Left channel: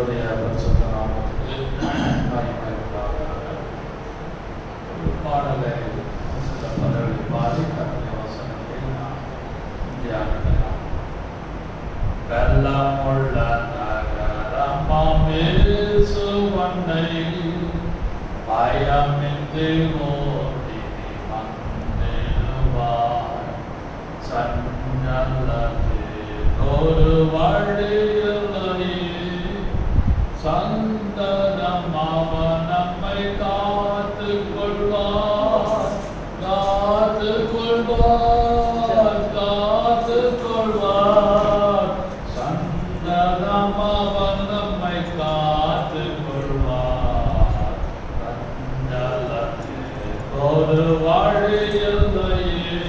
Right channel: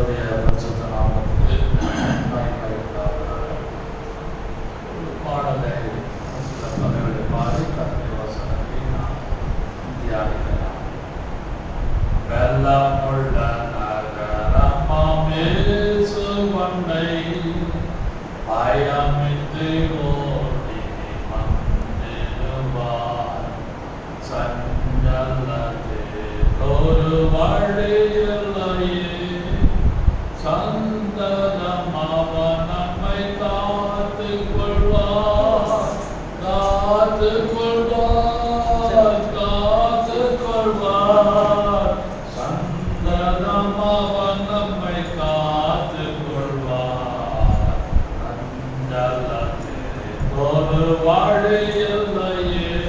கர்த்தருடைய பரிசுத்த நாமத்துக்கு மகிமை உண்டாவதாக. ஒரு பாடலை பாடி கர்த்தருடைய வசனத்தை நாம் தியானிக்கலாம். வெள்ளமுள்ள நகரமாம் இயேசு வண்டை பயமின்றி ஓடி வந்திடுவார். சஞ்சலத்தில் ஒரு வழியில்லையே, சந்ததம் அவர் நம்மை காத்துக் கொள்வார், காத்துக் கொள்வார், காத்துக் கொள்வார். சந்ததம் அவர் நம்மை காத்துக் கொள்வார். சஞ்சலத்தில் ஒரு வழியில்லையே,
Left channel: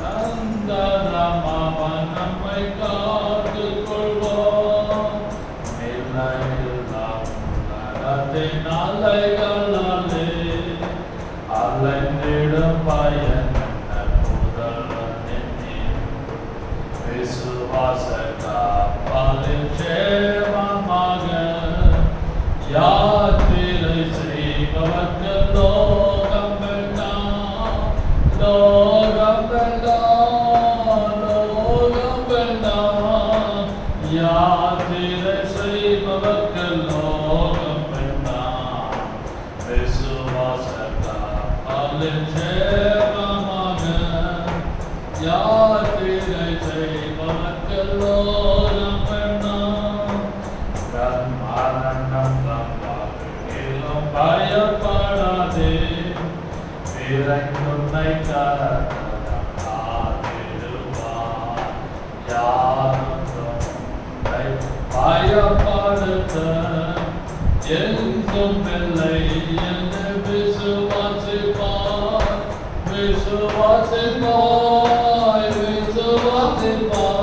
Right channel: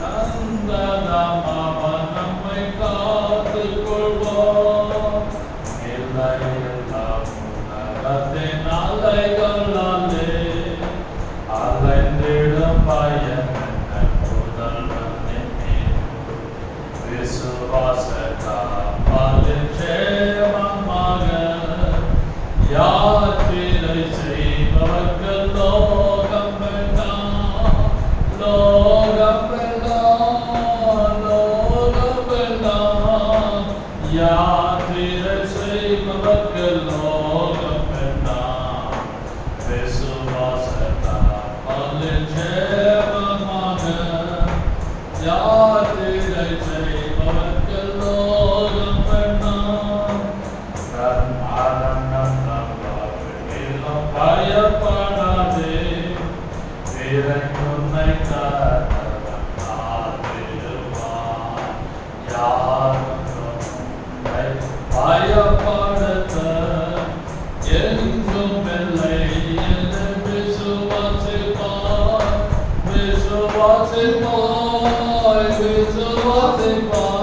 சந்ததம் அவர் நம்மை காத்துக் கொள்வார். உலகத்தின் அலைகளே அலைந்திடும் பயன் முதல்வன் என்னேன். விசுவாச காவலின் சேமமாக யாத்திரை செய்பவர்கள் லோகம் வேண்டாம், லோகம் வேண்டாம், லோகம் வேண்டாம். யாத்திரை செய்பவர்கள் லோகம் வேண்டாம். விசுவாசத்தால் சேமமாக யாத்திரை செய்பவர்கள் லோகம் வேண்டாம். மரணம் தந்தாலும் பயப்படாதே, உன்னை காத்திடுவார். யாரும் பயப்படுத்த என்றும் இல்லை என்று விசுவாசிப்பார், விசுவாசிப்பார், விசுவாசிப்பார்.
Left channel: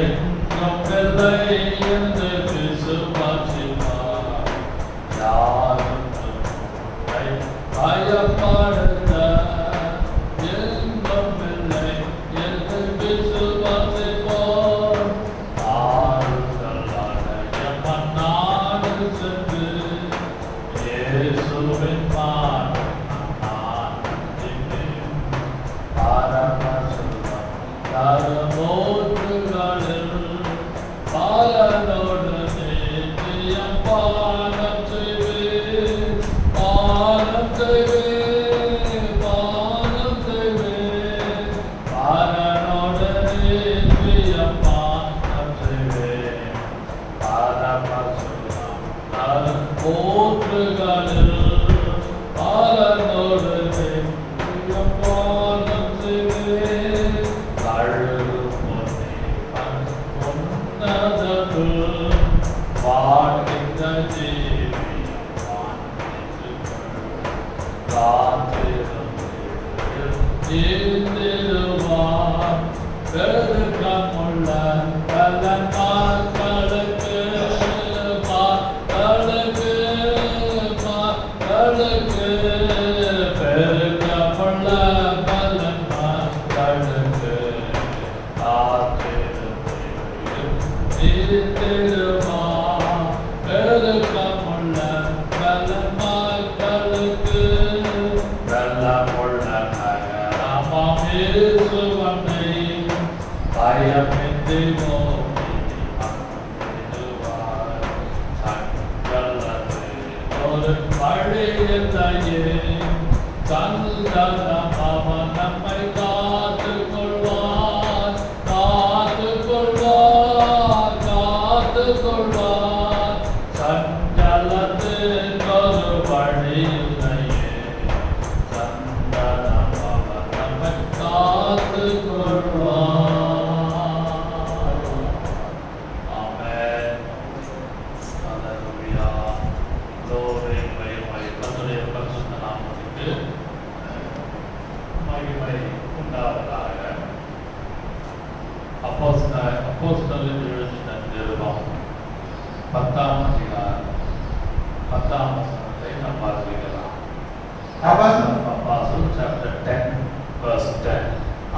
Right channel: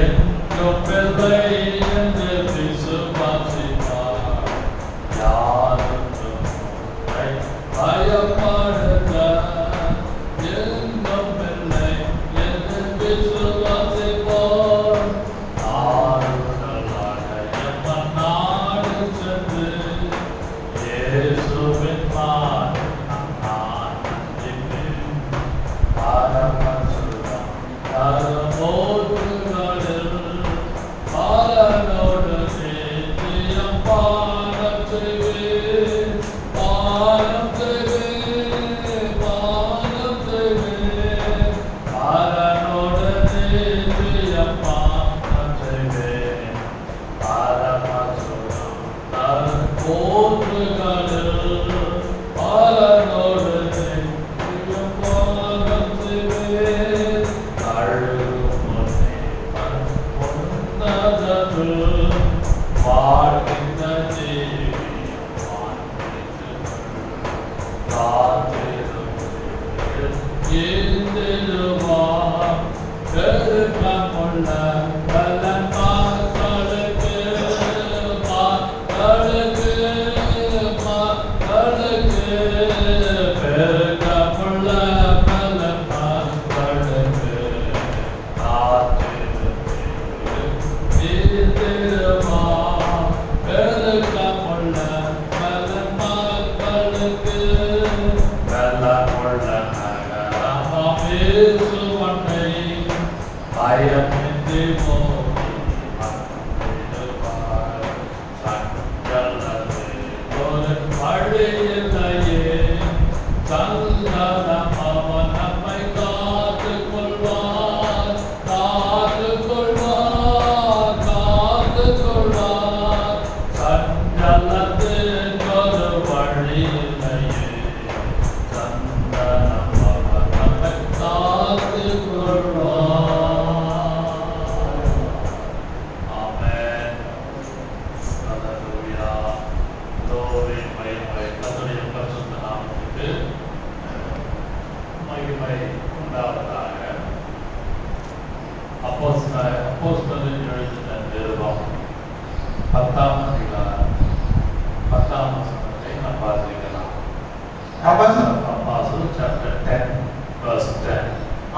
என்றும் இல்லை என்று விசுவாசிப்பார். யாரும் பயப்படுத்த என்றும் இல்லை என்று விசுவாசிப்பார்.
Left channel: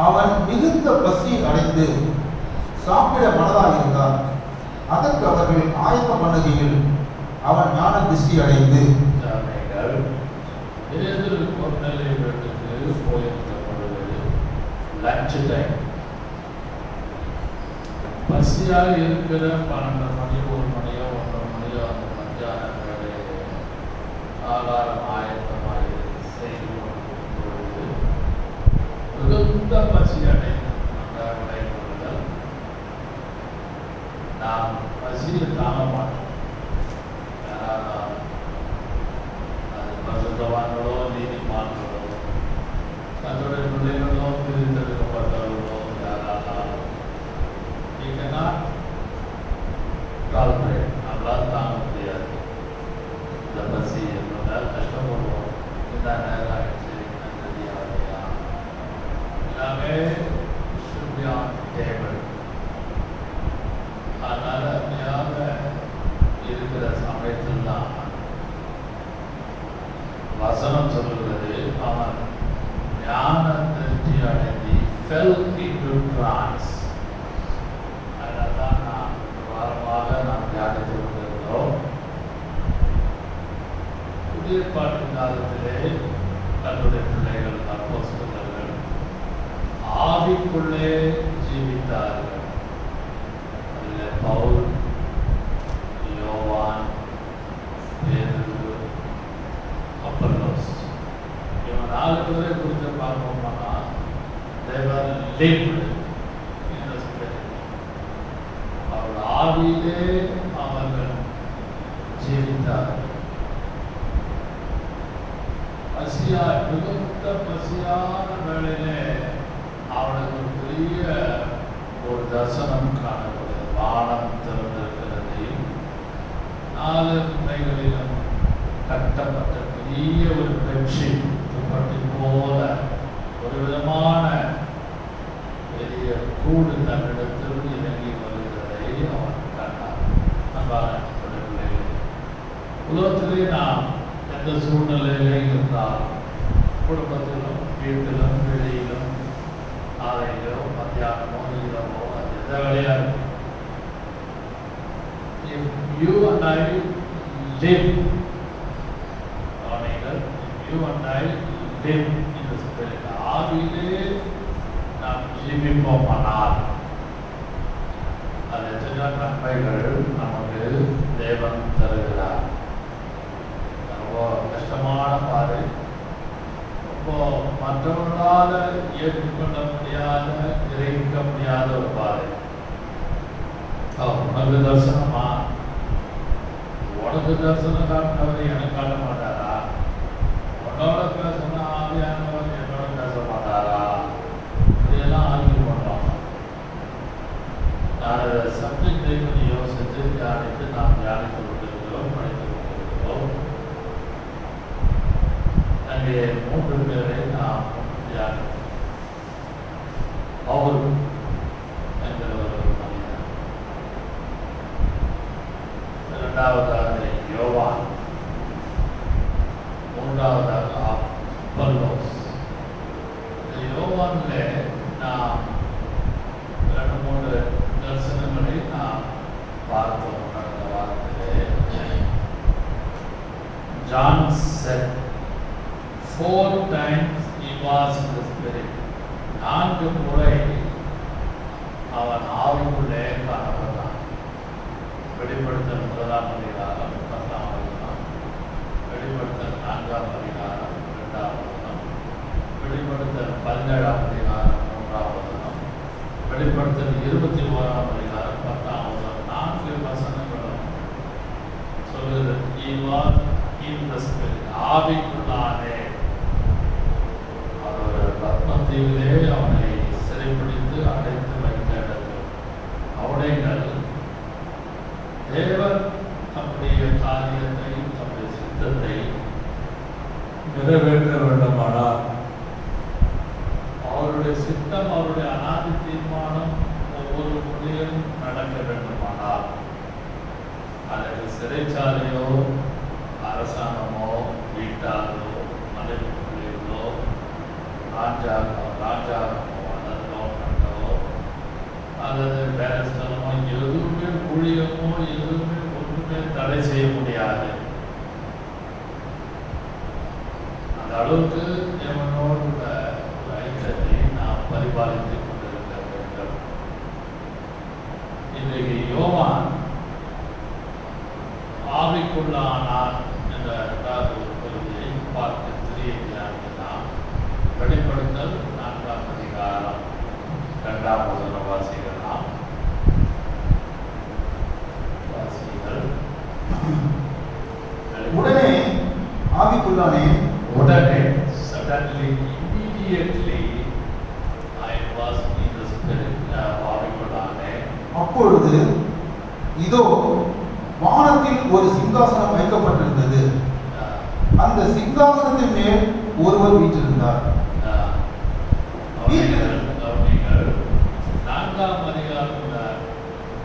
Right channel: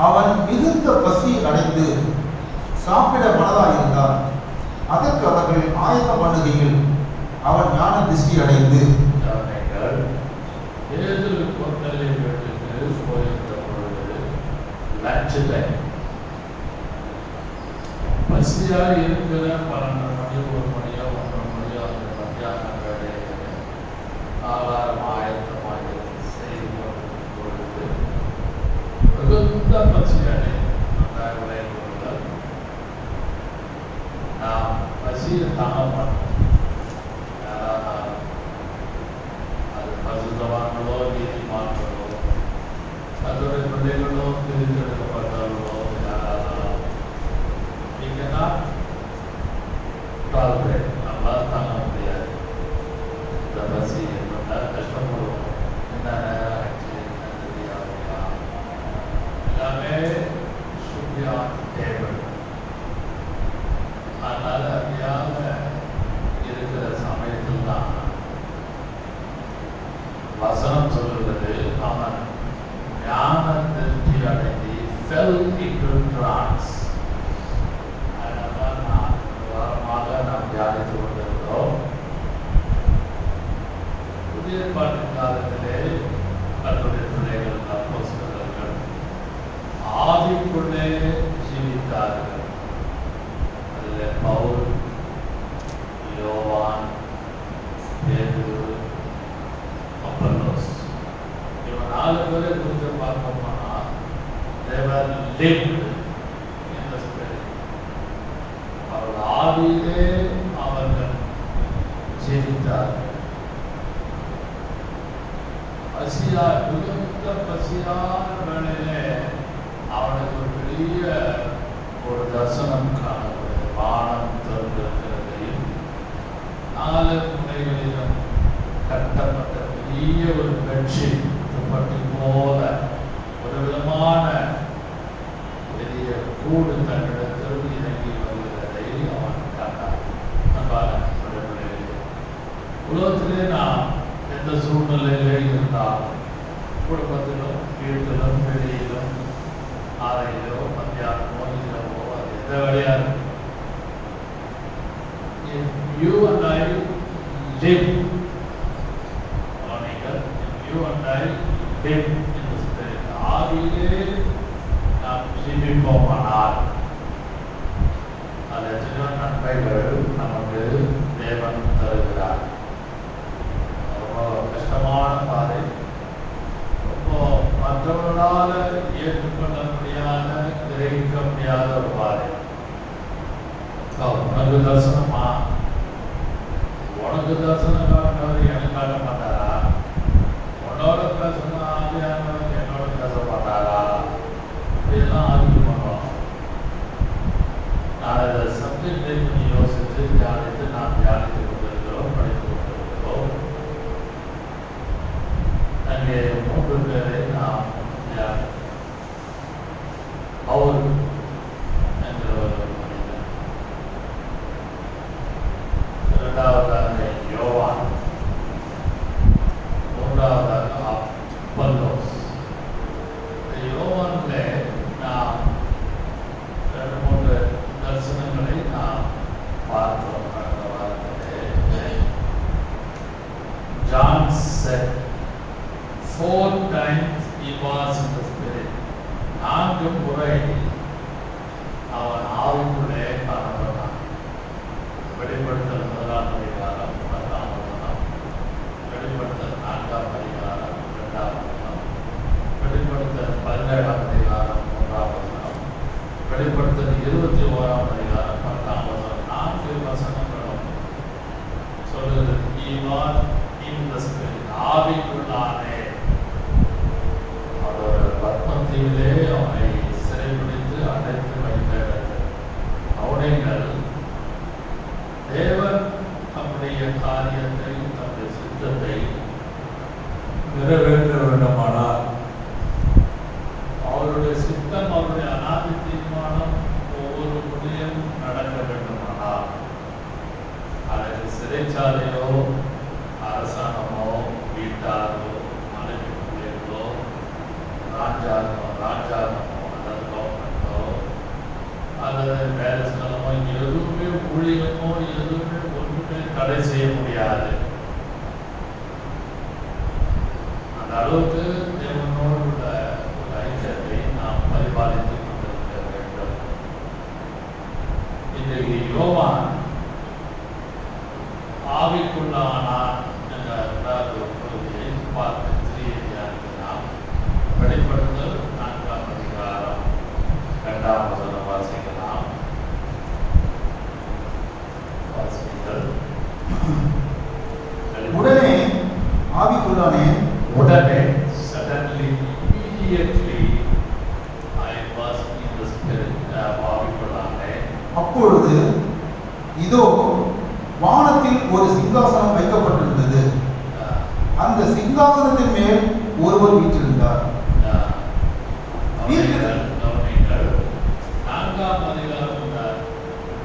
அவன் மிகுந்த பசி அடைந்து சாப்பிட மனதாயிருந்தான். அதற்கு அவர்கள் ஆயத்தம் பண்ணுகையில் அவன் ஞான திருஷ்டி அடைந்து பசியாக இருக்கிற 12 மணி 1 மணியோ 1 மணியோ அந்த மத்தியான வேலையில் ஆகாரம் ஆயத்தமாக செய்து கொண்டிருக்கும் பொழுது மிகுந்த பசி அடைந்த விளைவுகள் நாம் பசியை தாங்க மாட்டோம். அது பசுத்தவான்களோ நீதிமான்களோ தன்னுடைய பிள்ளைகளோ பிரித்தெடுக்கப்பட்டவர்களோ யாராலும் நம்மளால் தாங்க முடியாது. இந்த பசி நம்மளால் கஷ்டப்படுவோம். இந்த நேரம் ஆயிடுச்சு எல்லாமே டேபிள். அதனால அப்படியாக இருக்கிற சமயத்தில் தான் வசனம் சொல்லுகிறது, அவன் ஞான திருஷ்டி அடைந்து fell into trance. அதனால்தான் நாம் தியானித்துக் கொண்டிருக்கிறோம். புதிய ஏற்பாட்டு காலத்திலே கர்த்தருடைய பிள்ளைகள் அப்போஸ்தலர்கள் ஆவிக்குள்ளே ஜீவித்தார்கள். அதில் பவுல், யோவான், பேதுரு, அப்பல்லோஸ் இவங்க 4 பேரை குறித்து பார்ப்போம்னா they were lived in the spirit. அவர்கள் ஆவியிலே அவர்கள் ஜீவித்தார்கள். மிகுந்த பசியான வேளையிலே அவனுக்கு பெரிய ஒரு தரிசனம் காணப்படுகிறது. வானம் திறந்திருக்கிறதையும் 4 முனைகளிலும் கட்டப்பட்ட பெரிய ஒரு பெட்ஷீட் துப்பட்டி போல ஒரு விதமான பெரிய கூடு தன்னிடத்தில் இறங்கி வருகிறதை அவன் கண்டான். நம்பான உலகத்திலே நாம் எந்த சூழ்நிலையிலே இருந்தாலும் குடும்பத்திலும் வீட்டிலும் வெளியிலும் ஆலையிலோ மத்தியானமோ இரவோ அது எந்த வேலையாக you and I live you and I live in the spirit. ஆவியிலே நாம் ஜீவிப்போமானால் அது எத்தனையோ நன்மைகள் நமக்கு தேவன் தருகிறார். ரொம்ப கஷ்டமான பாதை, ரொம்ப மற்றவர்களால் ஏற்றுக்கொள்ள முடியாத கிரகிக்க முடியாத ஒரு பாதை. உனக்கு தரிசனமா? உனக்கு தரிசனம் காட்டினவர் எனக்கு காட்ட மாட்டாரா? உன்னோட பேசினா ஆவியானவர் என்னோட பேச மாட்டாரா? இதெல்லாம் ஆர்கியூ பண்ணுவோம். நான் அதை சப்ஜெக்டை கொஞ்சம் யோசித்து தியானித்து நாம் தியானித்து கொண்டிருக்கிறோம், படித்து கொண்டிருக்கிறோம். அங்கே 3 பேரை நாம் தியானித்தோம். பவுல் என்கிற ஒரு மனிதன், 2வதாக யோவான், 3வதாக அப்பல்லோஸ். யோவானிலே நாம் 2-3 தரிசனங்களை நாம் பார்த்தோம் கடந்த வாரத்திலே. John said 4 times he was in the spirit. 4 முறை அவன் ஆவிக்குள்ளே காணப்பட்டான். வெளிப்படுத்தல் 1ஆம் அதிகாரம் 10ஆம் வசனம், வெளிப்படுத்தல் 4ஆம் அதிகாரம் 2ஆம் வசனம், வெளிப்படுத்தல் 17ஆம் அதிகாரம் 3ஆம் வசனம், வெளிப்படுத்தல் 21ஆம் அதிகாரம் 10ஆம் வசனம். 4 வசனங்களும் சொல்லுகிறது he was in the spirit. ஆவிக்குள்ளானே அவரோட பத்மத்தீவிலே அவனை சிறைப்பிடித்து அடைத்து வைத்த அவனைகள் தேவன் தம்முடைய காரியத்தை, தம்முடைய சித்தத்தை நிறைவேற்ற வேண்டுமானால், அவருடைய சித்தம், அவருடைய அநாதி தீர்மானம் ஒவ்வொரு முறையும் நடக்க வேண்டுமானால், அதற்கு சிறைச்சாலையோ அரசாங்கமோ வீட்டாரோ மனைவி பிள்ளைகளோ ராஜாங்கமோ அல்லது கவர்மெண்டோ அல்லது வேலை ஸ்தலமோ எதுவுமே ஊழியமோ எதுவுமே ஒன்றுமே தடை செய்ய முடியாது. அந்த அளவுக்கு தேவனோடு உள்ள ஒரு ஐக்கியத்தை நாம் பரிபாலித்துக் கொண்டிருக்க வேண்டும். இன்றைக்கு யோவான் ஆவிக்குள்ளானார் என்ற இரண்டாவது ஒரு பகுதியை பார்த்து தியானிக்கலாம். வெளிப்படுத்தல் 4ஆம் அதிகாரம் 2ஆம் வசனம் வாசிக்கலாம். உடனே ஆவிக்குள்ளானே, உடனே suddenly, immediately I was in the spirit. ஆவிக்குள்ளானே. அப்பொழுது இதோ வானத்தில் ஒரு சிங்காசனம் வைக்கப்பட்டிருந்தது. அந்த சிங்காசனத்தின் மேல் ஒருவர் வீற்றிருந்தார். 4ஆம் அதிகாரத்தில்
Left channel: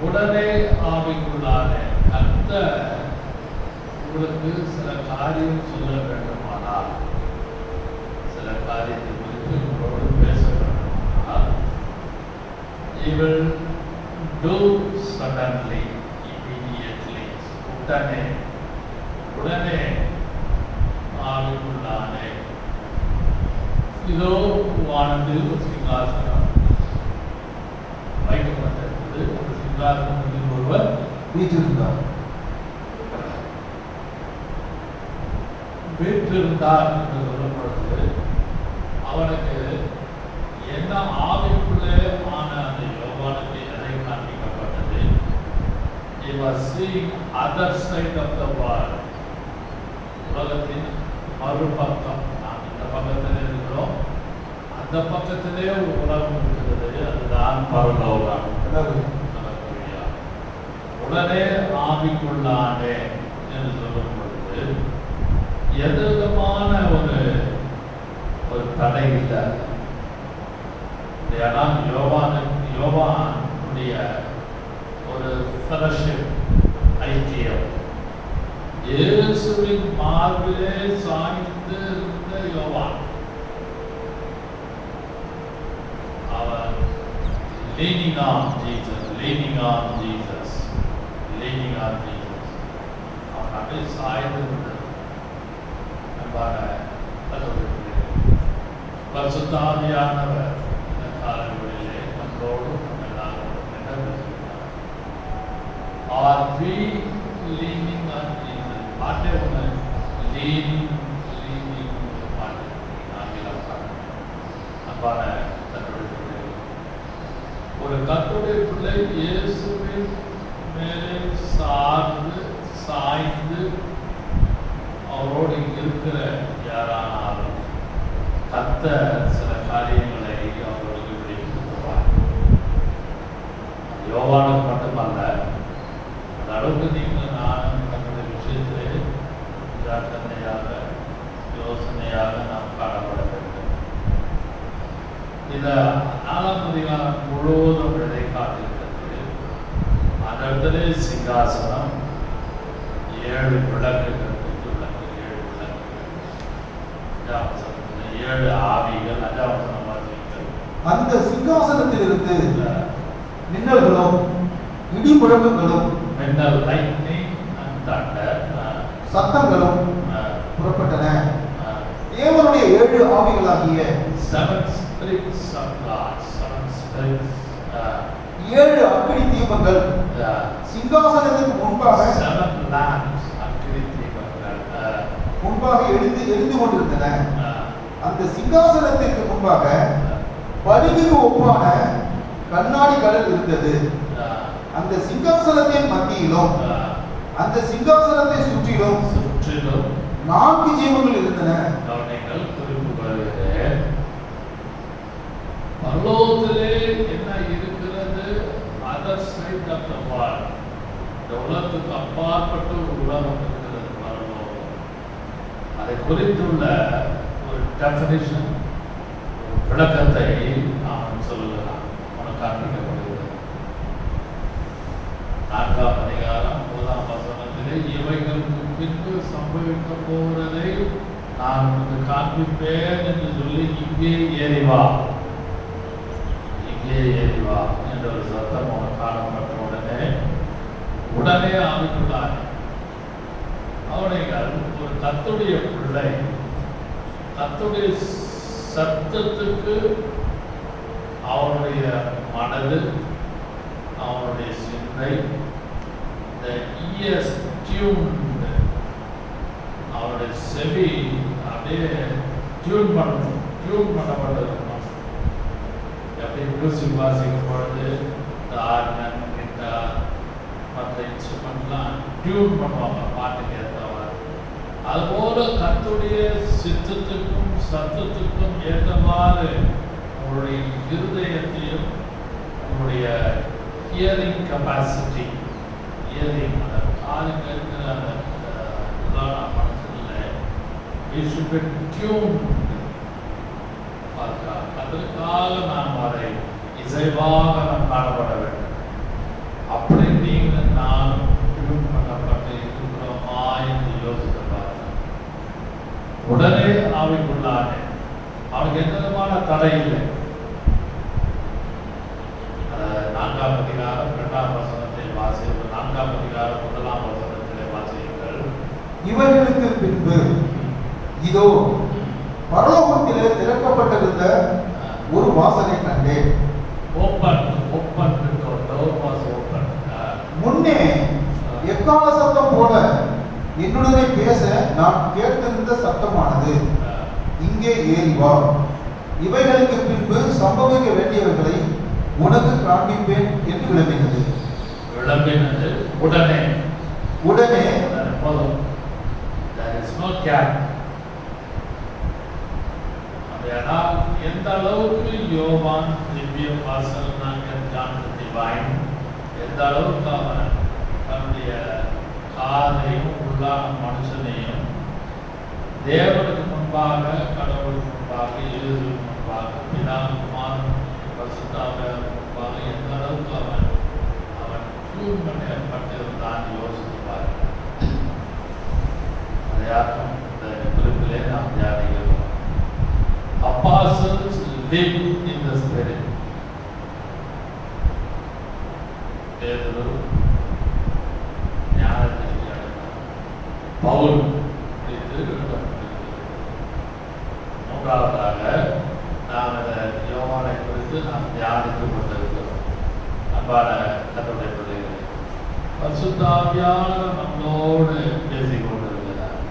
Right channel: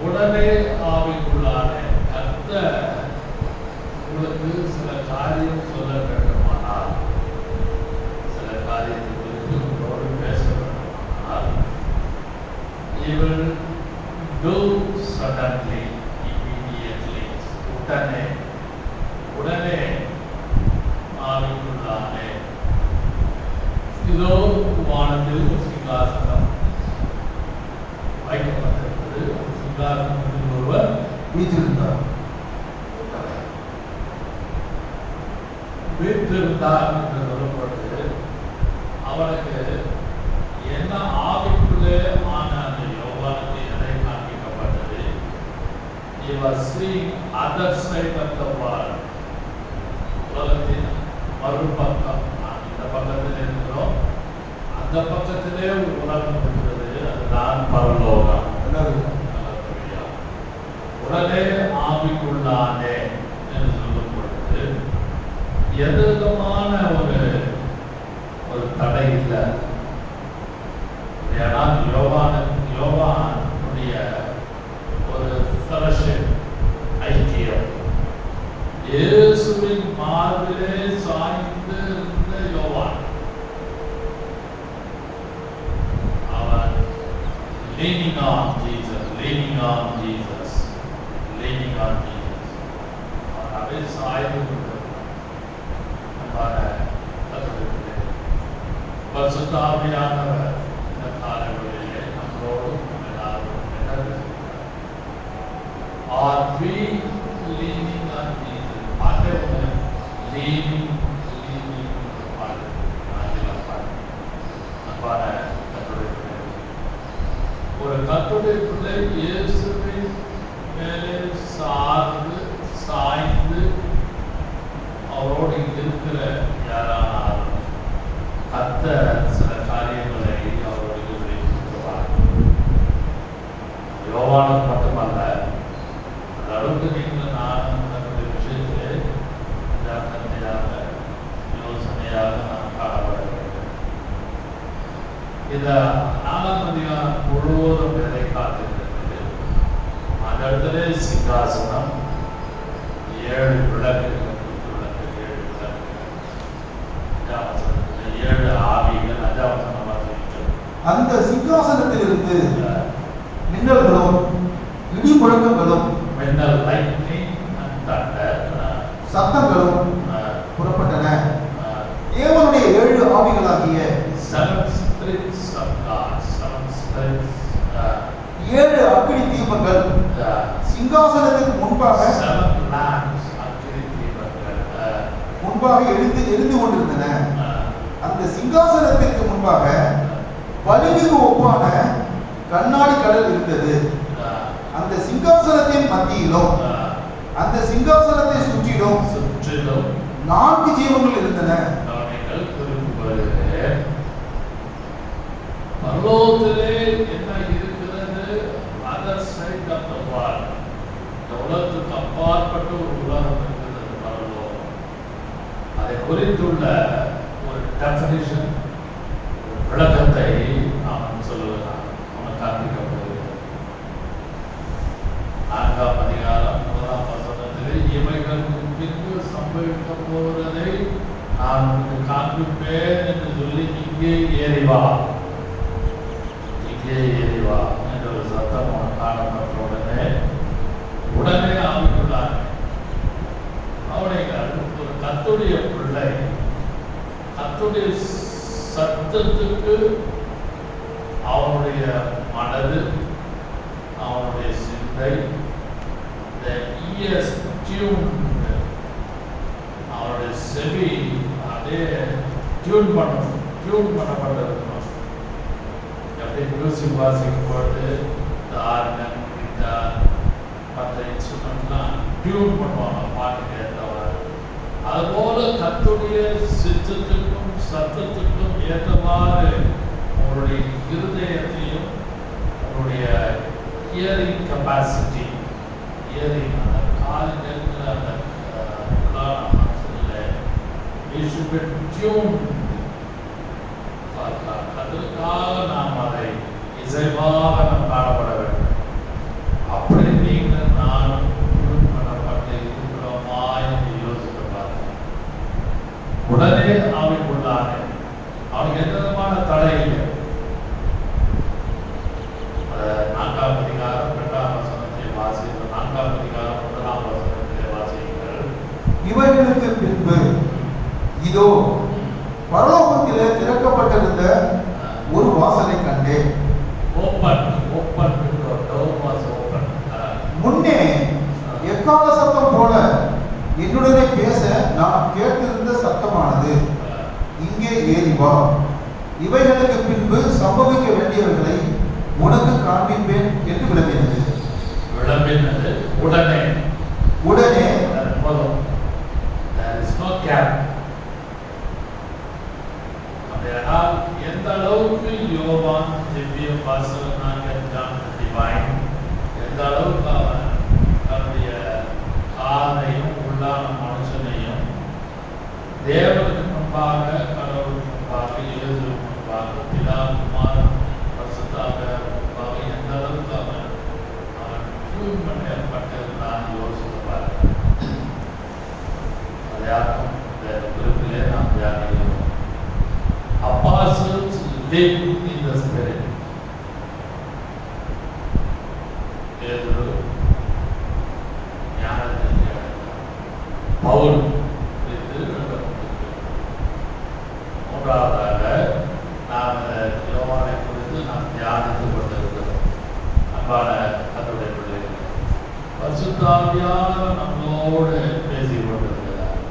உடனே ஆவிக்குள்ளான கர்த்தர் உங்களுக்கு சில காரியம் சொல்ல வேண்டுமானால், சில காரியத்தை குறித்து உங்களோடு பேச வேண்டுமானால், he will do suddenly, immediately. உடனே ஆவிக்குள்ளானே இதோ வானத்தில் ஒரு சிங்காசனம் வைக்கப்பட்டிருந்தது. அந்த சிங்காசனத்தில் ஒருவர் வீற்றிருந்தார். வீற்றிருந்தார் என்று சொல்லப்படுது. அவனுக்கு என்ன ஆவிக்குள்ளே ஆன அந்த யோவானுக்கு எதை காண்பிக்கப்பட்டது? He was seeing other side of the world. உலகத்தின் மறுபக்கம். நாம் இந்த பக்கத்தில் இருக்கிறோம், அந்த பக்கத்திலே ஒரு உலகம் இருக்கிறது, அதுதான் பரலோகம். உடனே ஆவிக்குள்ளானே என்று சொல்லும் பொழுது எது விதமான ஒரு தடை இல்லை. ஏன்னா யோவானுடைய ஒரு ஃபெலோஷிப், ஐக்கியம், இயேசுவின் மார்பிலே சாய்ந்து இருந்த யோவான், அவன் leaning on Jesus, அவன் அப்படியே சாய்ந்து பரிசுத்த ஆவியானவர் இந்த காலங்களிலே நம்மோடு எல்லாரும் என்ன are we leaning on Jesus? பாட்டே ஒன்று, leaning பாட்டு ஆங்கிலம் பாட்டு. அன்பான கர்த்தருடைய பிள்ளைகளே, ஒரு கர்த்தருடைய பிள்ளை இயேசுவின் மேலே சாய்ந்து அவரோடு இருக்கிற யாரானாலும் கர்த்தர் சில காரியங்களை அவர்களுக்கு வெளிப்படுத்துவார். யோவானுக்கு மட்டுமல்ல, அந்த அளவுக்கு நீங்கள் நானும் தன்னுடைய விஷயத்திலே ஜாக்கிரதையாக யோசனையாக நாம் காணப்பட வேண்டும். இந்த 4ஆம் அதிகாரம் முழுவதும் எதை காட்டுகிறது? அந்த இடத்துல சிங்காசனம், 7 விளக்குகள், 7 ஆவிகள், அந்த சிங்காசனத்திலிருந்து மின்னல்களும் இடி முழக்கங்களும் சத்தங்களும் புறப்பட்டன. தேவனுடைய 7 ஆவிகளாகிய 7 அக்கினி தீபங்கள் சிங்காசனத்துக்கு முன்பாக எரிந்து கொண்டிருந்தன. அந்த சிங்காசனத்திற்கு முன்பாக வலிமைக்கு ஒப்பான கண்ணாடி கடல் இருந்தது. அந்த சிங்காசனத்தின் மத்தியிலும் அந்த சிங்காசனத்தை சுற்றிலும் 4 ஜீவங்கள் இருந்தன. பரலோகத்திலே என்ன இருக்கிறது? Other side of the world. இந்த உலகத்துக்கு அப்பாற்பட்ட ஒரு உலகம் இருக்கிறது பரலோகம். அதை குறித்துள்ள ஒரு டெஃபினிஷன், விளக்கத்தை நாம் சொல்லுகிறான். உனக்கு காண்பிக்கப்படுகிறது. 4ஆம் அதிகாரம் 1ஆம் வசனத்திலே இவைகளுக்கு பின்பு சம்பவிக்க போவதை நான் உனக்கு காண்பிப்பேன் என்று சொல்லி இங்கே ஏறி வா என்ற ஒரு சத்தம் காணப்பட்ட உடனே உடனே ஆவிக்குள்ளார். அவனுடைய ஒரு கர்த்தருடைய பிள்ளை கர்த்தருடைய சத்தத்துக்கு அவனுடைய மனது, அவனுடைய சிந்தை, the ears tuned, அவருடைய செவி அப்படியே டியூன் பண்ணப்பட்டிருக்கணும். எப்படி மியூசிக் வாசிக்கும் பொழுது இந்த ஆர்கன், கிட்டார், மற்ற இன்ஸ்ட்ருமெண்ட்லாம் டியூன் பண்ணுவாங்க பாட்டுக்கு ஏற்றவாறு. அதுபோல கர்த்தருடைய சித்தத்துக்கும் சத்தத்துக்கும் ஏற்றவாறு அவருடைய இருதயத்தையும் அவருடைய ஹியரிங் கெப்பாசிட்டி, ஹியரிங் அந்த காலில் இருக்கிற அந்த we should be tuned. அதற்காக நாம் அதை இசைவாக நாம் பாடப்பட வேண்டும். அப்படி நீங்கள் நானும் டியூன் பண்ணப்பட்டு இருக்கிறோமா என்று யோசித்து பார்த்தோம். உடனே ஆவிக்குள்ளானே. அவனுக்கு எந்த விதமான தடை இல்லை. 4ஆம் அதிகாரம் 2ஆம் வசனத்தை வாசித்து 4ஆம் அதிகாரம் 1ஆம் வசனத்திலே வாசியுங்கள். இவர்களுக்கு பின்பு இதோ பரலோகத்திலே திறக்கப்பட்டிருந்த ஒரு வாசலை கண்டேன். முன்னே எக்கால சத்தம் போல என்னுடனே பேச நான் கேட்டிருந்த சத்தமானது, இங்கே ஏறி வா, இவைகளுக்கு பின்பு சம்பவிக்க வேண்டியவர்களை உனக்கு காண்பிப்பேன் என்று விளம்பினது. உடனே உடனே எந்த அளவுக்கு யோவான் திவ்ய வாசகனாக டிவைன், எந்த அளவுக்கு அவன் தன்னுடைய காதலையும் உள்ளான மனுஷனையும் தேவனுக்கு முன்பாக, கடவுளுக்கு முன்பாக, இயேசுவுக்கு முன்பாக, பிதா குமாரன் பரிசுத்தாவியார் முன்பாக எந்த அளவுக்கு அவன் டியூன் பண்ணப்பட்டிருந்தான் யோசிப்பார். அதையாக்கும் இந்த குறிப்பிலே நாம் தியானிக்கிறோம். Apostles live in the Spirit. Pedro, Paul, மூன்றாவதாக நாம் யோவானை குறித்து நாம் தியானித்துக் கொண்டிருக்கிறோம். அன்பான கர்த்தருடைய பிள்ளைகளே, பரிசுத்த ஆவியானவர் நம்மோடு பேசிக் கொண்டிருக்கிறார்.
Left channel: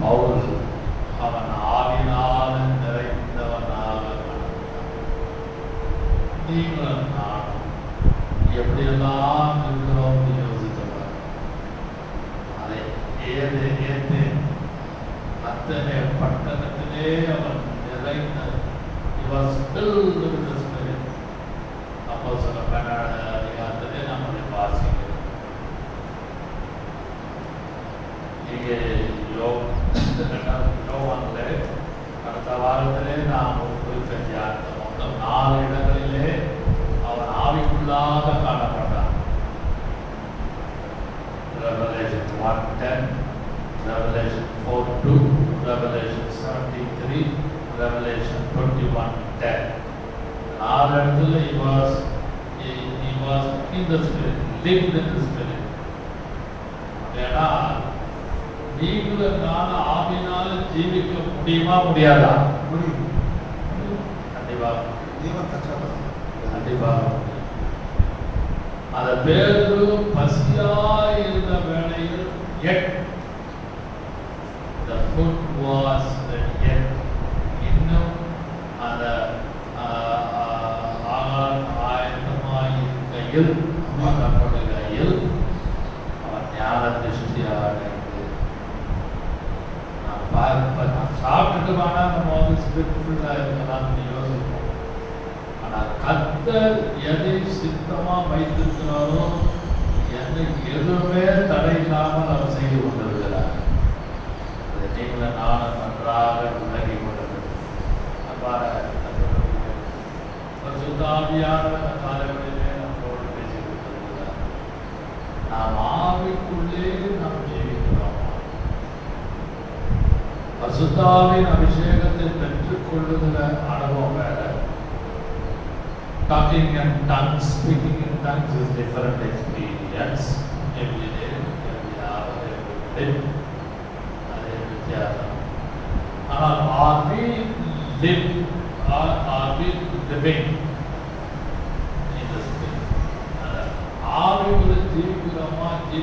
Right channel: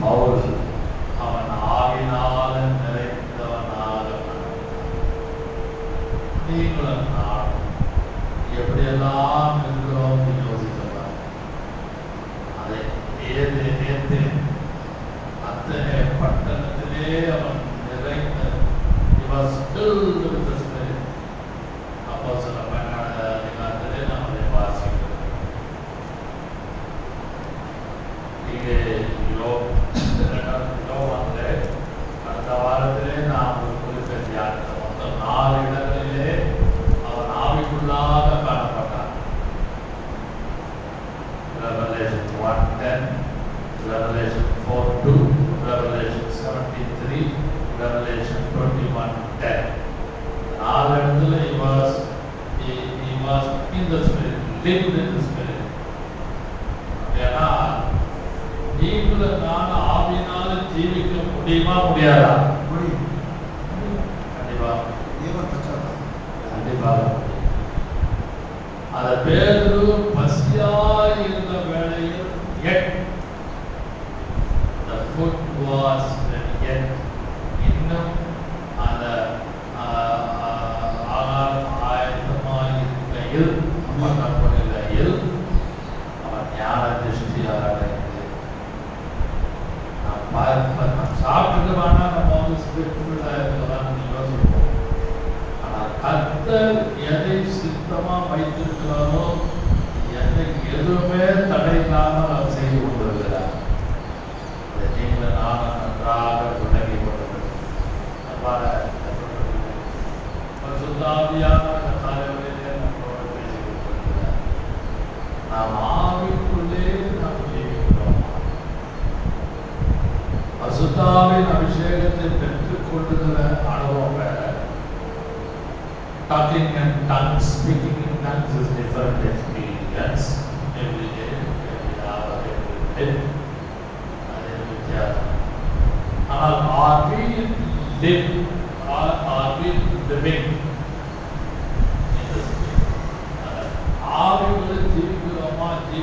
பவுல் அவன் ஆவியினால நிறைந்தவனாக, நீங்களும் நானும் எப்படியெல்லாம் இருக்கிறோம் யோசிக்கிறார். அதை ஏற்று அத்தனை பட்டணத்திலே அவன் நிறைந்த அப்போ சில அதிகாரத்திலே நாம் அதை வாசிக்கிறோம். இங்கே கடந்த வாரத்திலே நாம் ஒரு குறிப்பை தியானித்தோம். மொத்தம் 4 இடங்களிலே அவன் ஆவிக்குள்ளாக காணப்பட்டான். Revelation 1:10, Revelation 4:2, Revelation 17:3, Revelation 21:10. 4 இடத்துல he was in the Spirit, lived in the Spirit. ஏன்னா நீங்களும் நான் ஆவியினால ஜீவிக்க முடியுமா முடியாதா? கண்டிப்பா கண்டிப்பா. அந்த பேரு பசியாய் இருந்த வேளையில் the food was yet, இன்னும் அந்த ஆயத்தமாய் இருக்கையில் பண்ணப்படுகையில் அவன் ஞான திருஷ்டியாக சாப்பிட்டுட்டு வேணா நம்ம வந்து ஸ்பிரிச்சுவலா இருக்கலாம் யோசிப்போம். ஆனால் கர்த்தர் எதை சித்தமா வைத்திருக்கிறாரோ எனக்கு எதுவுமே தடை இல்லாமல் அவர் செய்து கொண்டிருக்கிறார். இதை நீங்கள் நானும் நன்றாக விலகி கொள்ள வேண்டும். சுத்தாவியான காலங்களிலே நம்மளோடு பேசிக் கொண்டிருக்கிறார். நாம் ஆவிக்குள்ளே நாம் ஜெயிக்கிறோம். பரிசுத்தாவின் அபிஷேகத்தை பெற்றுக் கொள்ளுகிற அனுபவம் வேற. Talking in tongues, speaking in tongues is different experience. experience every day, every hour, every minute. அதே வித்தியாசம். ஆனால் are we living in the spirit? ஆவிக்குள்ள ஜீவிக்கிறோமான்னு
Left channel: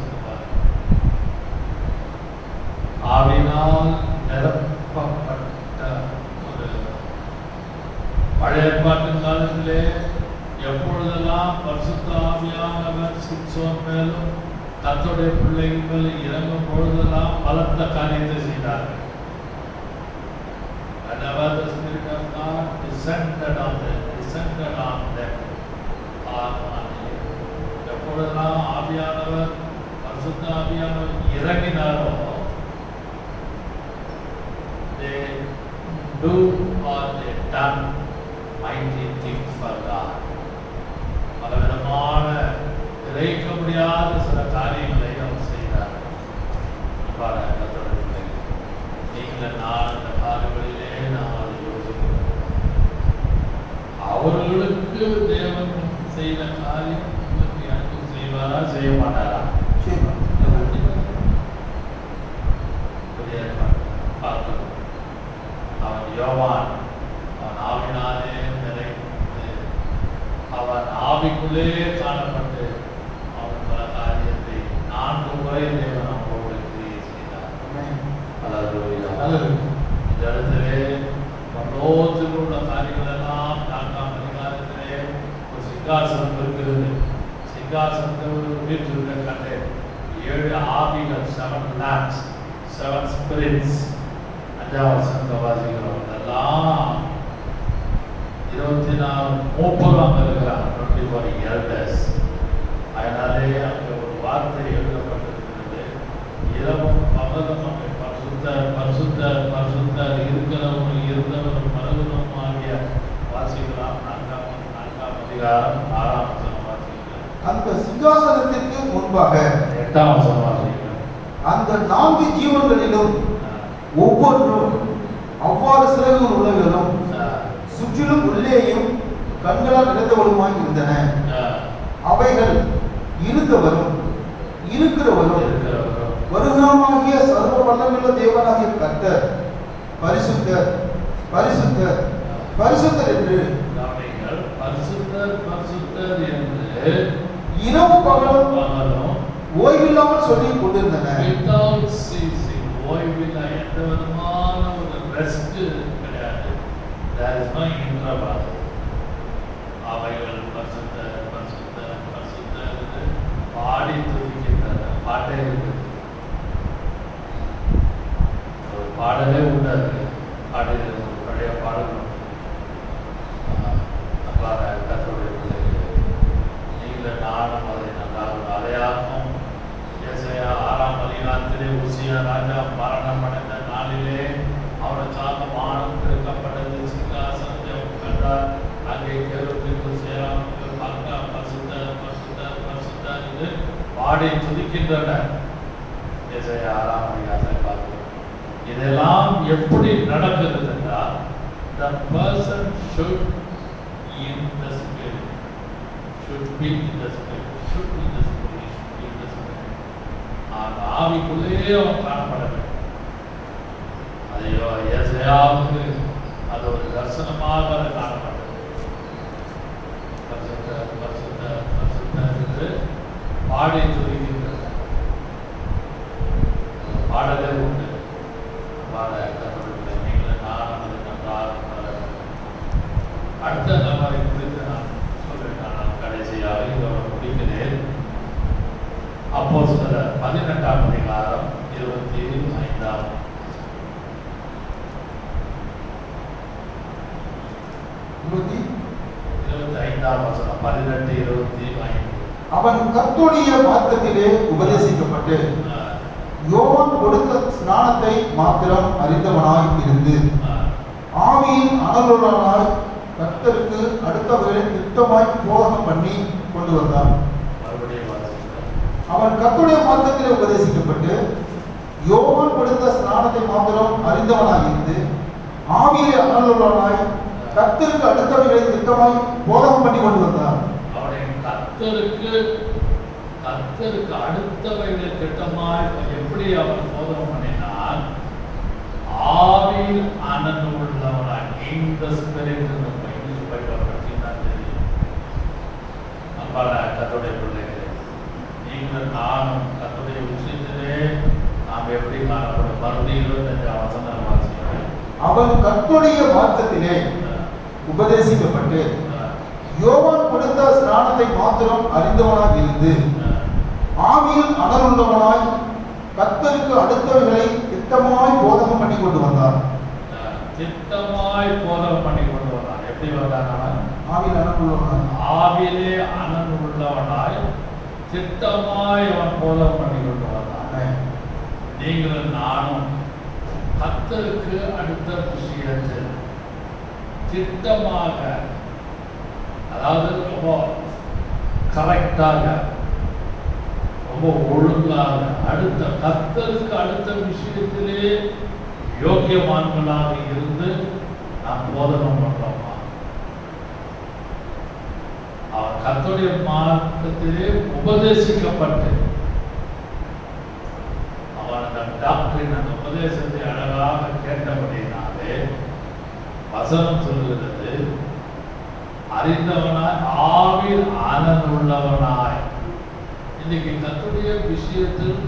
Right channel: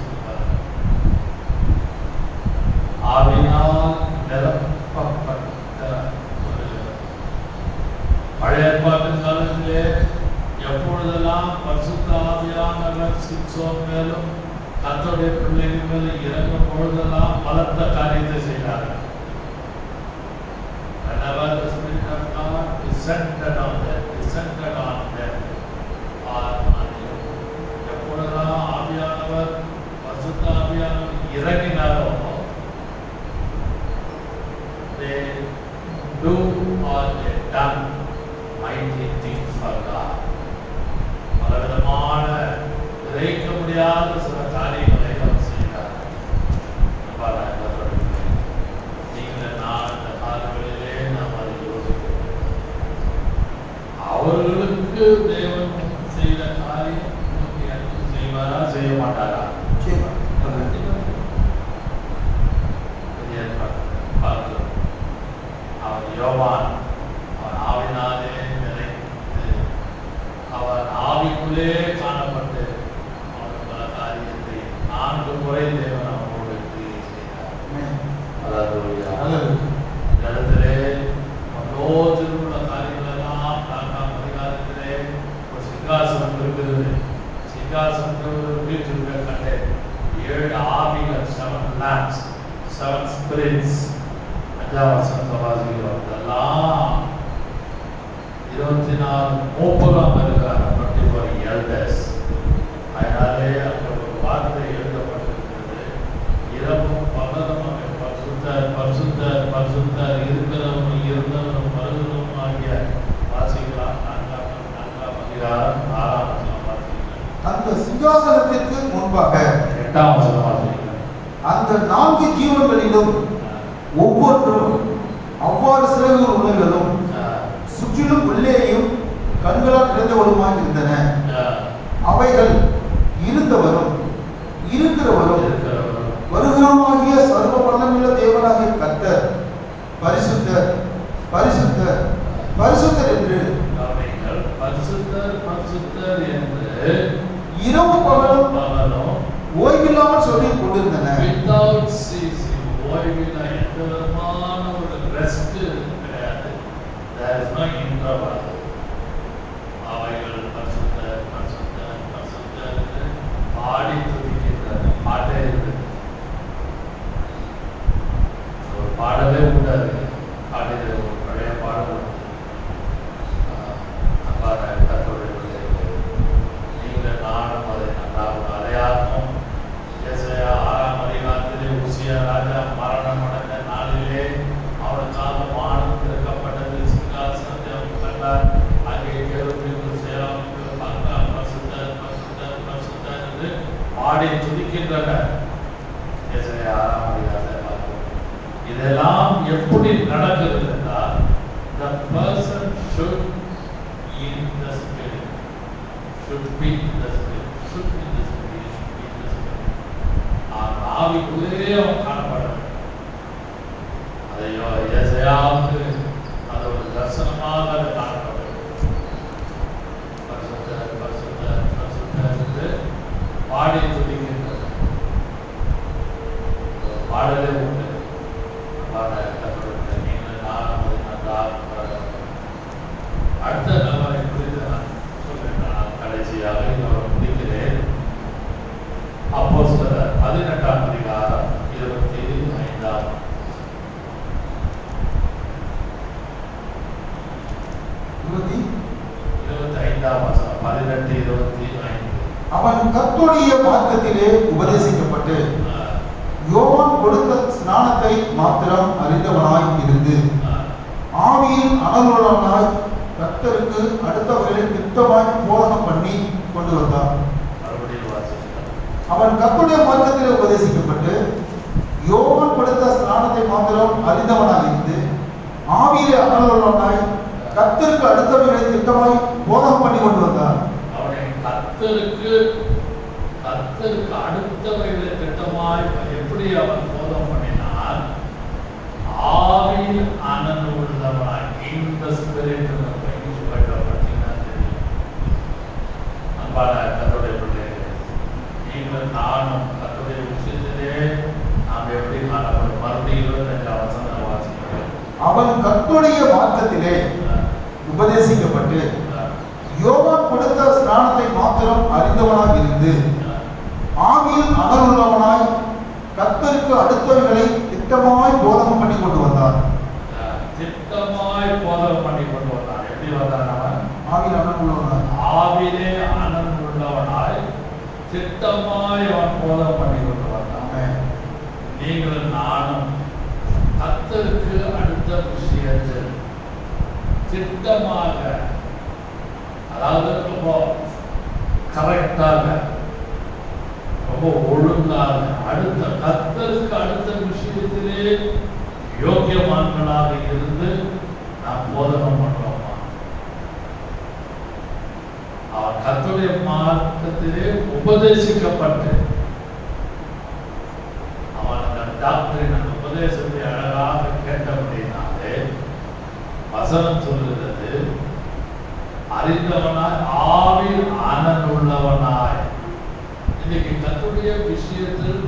சொல்லுவாங்க. ஆவியினால் நிரப்பப்பட்ட சொல்லுகிறார். பழைய ஏற்பாட்டின் காலத்திலே எப்பொழுதெல்லாம் பரிசுத்த ஆவியானவர் சிம்சோன் மேலும் கர்த்தருடைய பிள்ளைகள் மேலும் இறங்கும் பொழுதெல்லாம் பலத்த காரியத்தை செய்தார்கள். Whenever the Spirit of God descended on them, எப்பொழுதெல்லாம் ஆவியானவர் பரிசுத்த ஆவியானவர் இறங்கினாரோ they do or they done mighty things for God. பலவிதமான விதைக்க முடியாத சில காரியங்களை அவர் செய்தார்கள். நீங்கள் நான் இந்த காலங்களிலே நாம் அதை யோசிக்கிறோம். அவர்களுக்கு தேவன் செய்த காரியம் எனக்கு செய்வாரா செய்ய மாட்டாரா? பார்க்கிறோம். அவன் யோவான் அவன் ஆவினாலே நிறைந்து அவன் ஆவிக்குள்ளே காணப்பட்டு அவன் பல காரியத்தை 4 முறை தேவன் அவனோடு கிரியை செய்தார். இந்த இடத்திலே மனோத்தில் உள்ள காரியங்கள் எல்லாம் 4ஆம் அதிகாரத்திலே ஒரு சிங்காசனம் இருக்கிறது. சிங்காசனத்தோடு வீட்டில் கண்டே 7 ஆவிகள், 7 lamps, 7 spirits. 5ஆம் வசனத்தை வாசிக்கிறோம். இதெல்லாம் 24 மூப்பராக இருக்கிறாங்க. 24 elders. அதனாலே அங்கே ஒரு வார்த்தை எழுதப்பட்டிருக்கிறது. இரவும் பகலும் அங்கே பரிசுத்தர் பரிசுத்தர் பரிசுத்தர் இருக்கிறவனும் இருந்தவனும் பரிசுத்தம் ஆகிய வாசிக்கலாம். 4ஆம் அதிகாரம் 6ஆம் வசனம் வாசிக்கிறேன். அந்த சிங்காசனத்திற்கு முன்பாக 8ஆம் வசனம் வாசிக்கிறேன். அந்த 4 ஜீவன்களிலும் ஒவ்வொன்றும் அவ்வாறு சிறகுகள் உடையதும் சுற்றிலும் உள்ளேயும் கண்களால் நிறைந்தவளுமாய் இருந்தன. அவைகள் இருந்தவரும் இருக்கிறவரும் வருகிறவருமாகிய சர்வ வல்லமையுள்ள தேவனாகிய கர்த்தர் பரிசுத்தர் பரிசுத்தர் பரிசுத்தர் என்று பரிசுத்தர் பரிசுத்தர் என்று இரவு பகலும் ஓய்வில்லாமல் சொல்லிக் கொண்டிருந்தன. ஓய்வில்லை, எந்த விதமான ஒரு ரெஸ்ட் கிடையாது. There is no interval. அவைகள் பரிசுத்தர் பரிசுத்தர் பரிசுத்தர் என்று பாடி துதிக்கின்றன. பாட்டே இருக்கு, ஒரு பாடலே உண்டாது. பாடியது பழைய பாடலும் கர்த்தருடைய பிள்ளைகள் நீங்கள் நானும் அதை நன்றாக அலையாகும். ஏசாயா 6ஆம் அதிகாரத்திலே உசியா ராஜா மரணம் அடைந்த நாளிலே அவனுக்காக வானம் திறக்கப்பட்டது. சிங்காசனத்தை அவர் கண்டார். அங்கே கேருபீன்கள் சேராபீன்கள் பார்த்தார். பரிசுத்தர் பரிசுத்தர் பரிசுத்தர் என்று பாடி துதிக்கின்றனர். ஏசாயா 6ஆம் அதிகாரத்தை பார்க்கிறோம். இதெல்லாம் எப்படி நடக்கிறது என்றால் the person should in the spirit, should be in the spirit, should be in the spirit, should be in the spirit. ஆவிக்குள்ளே அவன் காணப்பட வேண்டும். அதையோ ஏசாயாவுக்கு அது ஒரு தரிசனமாக அதை காணப்பட வேண்டும். பரிசுத்தர் பரிசுத்தர் பரிசுத்தர் என்று பாடி துதிக்கின்றது. பாடலே உண்டு. அடுத்த நபரை குறித்து நான் சொல்றேன். நான் கடைசியாக இதோட முடிக்கிறேன். அப்போஸ்தலர் 18ஆம் அதிகாரம் 25ஆம் வசனம். 18:25. அவன் கர்த்தருடைய மார்க்கத்திலே உபதேசிக்கப்பட்டு யோவான் கொடுத்த ஸ்நானத்தை மாத்திரம் அறிந்தவனாய் இருந்து ஆவியில் அனலுள்ளவனாய் கர்த்தருக்கு அடுத்தவர்களை திட்டமாய் போதகம் பண்ணி கொண்டு வந்தான். அவன் கர்த்தருடைய மார்க்கத்திலே உபதேசிக்கப்பட்டு யோவான் கொடுத்த ஸ்நானத்தை மாத்திரம் அறிந்தவனாய் இருந்து ஆவியிலே அனலுள்ளவனாய் கர்த்தருக்கு அடுத்தவர்களை திட்டமாய் போதகம் பண்ணி கொண்டு வந்தான். அவனை கர்த்தருக்கு அடுத்தவைகளை திட்டமாய் எப்படி அவர் போதம் பண்ணினார்? ஆவியில் அனல் உள்ளவனாய், இந்த ஸ்பிரிட் பார்த்தீங்கன்னா தெரியும். அப்பாடா கர்த்தருடைய பிள்ளைகளே, நீங்கள் நானும் கர்த்தருடைய விஷயத்திலே நாம் எப்படி காணப்படும்? மறுபடியும் 25 வசனம் வாசிக்கிறோம். அவன் கர்த்தருடைய வார்த்தத்திலே உபதேசிக்கப்பட்டு யோவான் கொடுத்த ஸ்நானத்தை மாத்திரம் அறிந்தவனாக இருந்து ஆவியில் அனலுள்ளவனாய் கர்த்தருக்கு அடுத்தவைகளை திட்டமாய் போதகம் பண்ணி கொண்டு வந்தார். திட்டமாய் போதகம் பண்ணி கொண்டு வந்தார். எப்படி வந்தார்னா, ஆவியில் அனல் உள்ளவனாய், ஆவியிலே அனல் உள்ளவனாய் திட்டமாய் அவன் போதகம் பண்ணி கொண்டு வந்தார். நீங்களும் நானும் கர்த்தருக்கு அடுத்த விஷயத்தில் திட்டமாக, அதாவது ரொம்ப கரெக்டாக, ரொம்ப ஒழுங்காக, கர்த்தருக்கு அடுத்த விஷயத்திலே யோக்கியமான்களாக இருந்து நாம் போதகம் பண்றோமா? கர்த்தருடைய மார்க்கத்திலே உபதேசிக்கப்பட்டு அவன் அந்த டாக்டரின் அந்த உபதேசத்தை அழகாக கேட்டபடினாலே வசனம் சொல்லுகிறது, அறிந்தவனாய் ஆவியில் அனல் உள்ளவனாய். இன்னைக்கு கர்த்தருடைய விஷயத்தில்,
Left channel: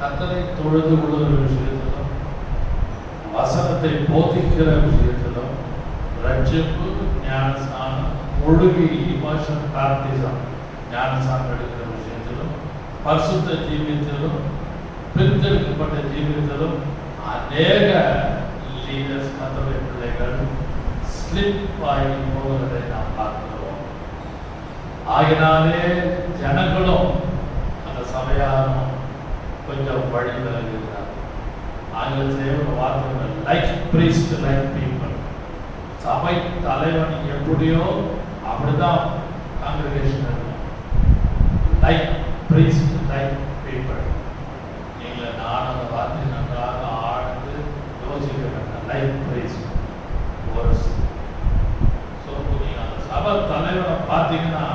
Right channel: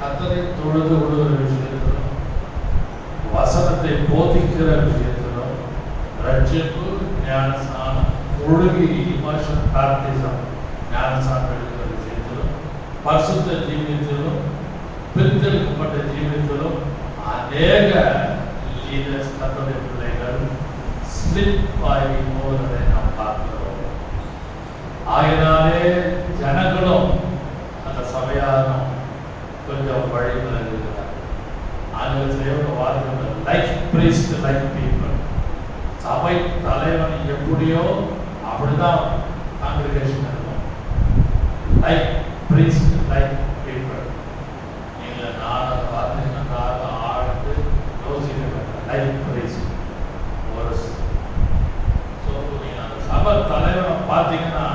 கர்த்தரை தொழுது கொள்ளுகிற விஷயத்திலும், வசனத்தை போதிக்கிற விஷயத்திலும், ரட்சிப்பு, ஞானஸ்நானம், ஒழுகி இமோஷன் பிராக்டிசம், ஞானஸ்நானம் எடுக்கிற விஷயத்திலும், பரிசுத்த ஜீவியத்திலும், பிரித்தெடுக்கப்பட்ட ஜீவியத்திலும் அநேக லீடர்ஸ், கர்த்தருடைய பிள்ளைகள் ஸ்லிப் ஆகி போவதை நாம் பார்க்கிறோம். ஆகினாலே ஜனங்களும் அந்த சபையாரும் கொஞ்சம் வழி விலகுகிறார். ஆங்கிலத்திலே ஒரு வார்த்தை, லைக் பிரீஸ்ட் லைக் பீப்பிள். சபை தலைவன் எப்படியோ அப்படிதான் காங்கிரிகேஷன் இருக்கும். Like priest like people. நீங்கள் நான் அந்த வார்த்தை நன்றாக ஆழ்ந்து யோசிக்க வேண்டும். லைக் பிரீஸ்ட் ஒரு நீங்க அந்த சபை தலைவனை பார்த்தீங்கன்னா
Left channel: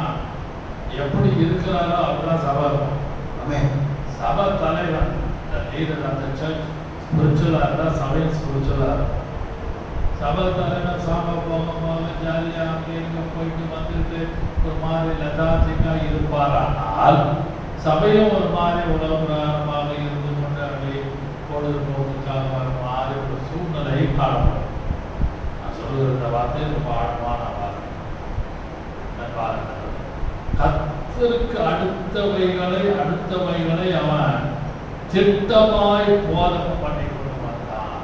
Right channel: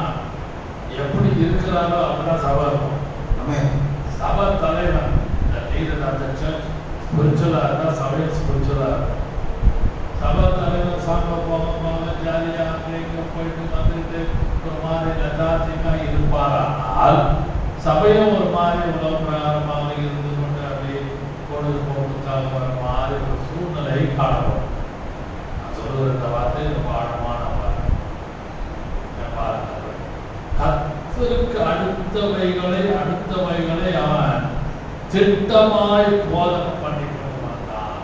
எப்படி இருக்கிறாரோ அப்படிதான் சபை இருக்கும். சபை தலைவன் அந்த சர்ச் ஸ்பிரிச்சுவலா இருந்தா சபை ஸ்பிரிச்சுவலா இருக்கும். சபை தலைவன் சாங்க போகமாக ஜாலியா அங்கே போயிட்டு வந்துட்டு ஒரு மாதிரி லதாத்திகா இருப்பாரானால், சபையும் ஒரு மாதிரி உலகமாக இருந்து கொண்டு அப்படி பொழுதுபோக்குக்காக ஒரு மாதிரி ஒரு சூழ்நிலை காணப்படும். இந்த வார்த்தை ரொம்ப ஆழமான வார்த்தை. கர்த்தருக்கு அடுத்தவைகளை அவன் திட்டமாய் போதகம் பண்ணி கொண்டு வந்தான்.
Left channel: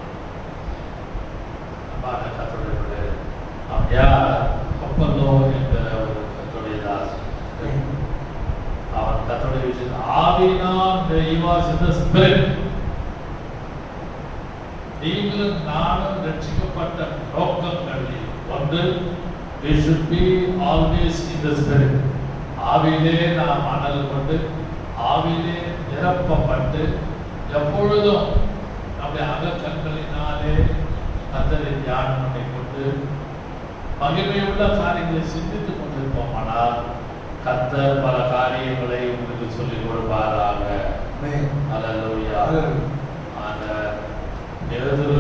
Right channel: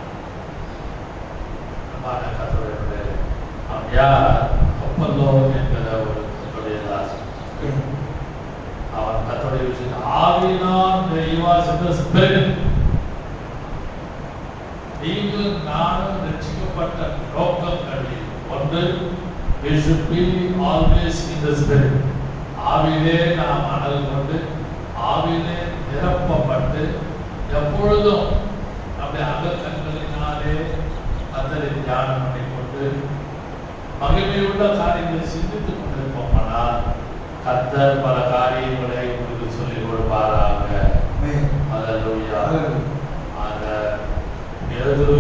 அவன் யார்? அப்பல்லோ என்கிற ஒரு கர்த்தருடைய தாசன். அவன் கர்த்தருடைய விஷயத்தில் ஆவியினால் he was in the spirit. நீங்களும் நானும் ரட்சிக்கப்பட்ட நோக்கங்களில் ஒன்று, we should be always in the spirit. ஆவியிலே நாம் அனல் கொண்டு, ஆவியிலே நிரப்பப்பட்டு, எப்பொழுதும் நம்முடைய அகக்கண்களினாலே கர்த்தரை தியானம் பண்ணிக்கொண்டு மகிமையுள்ள காரியங்களை சிந்தித்துக் கொண்டிருப்போமானால் கர்த்தர் பல காரியங்களை உங்களுக்கு சொல்லிக் கொடுப்பாராக. அல்லேலூயா. அந்த எதிரு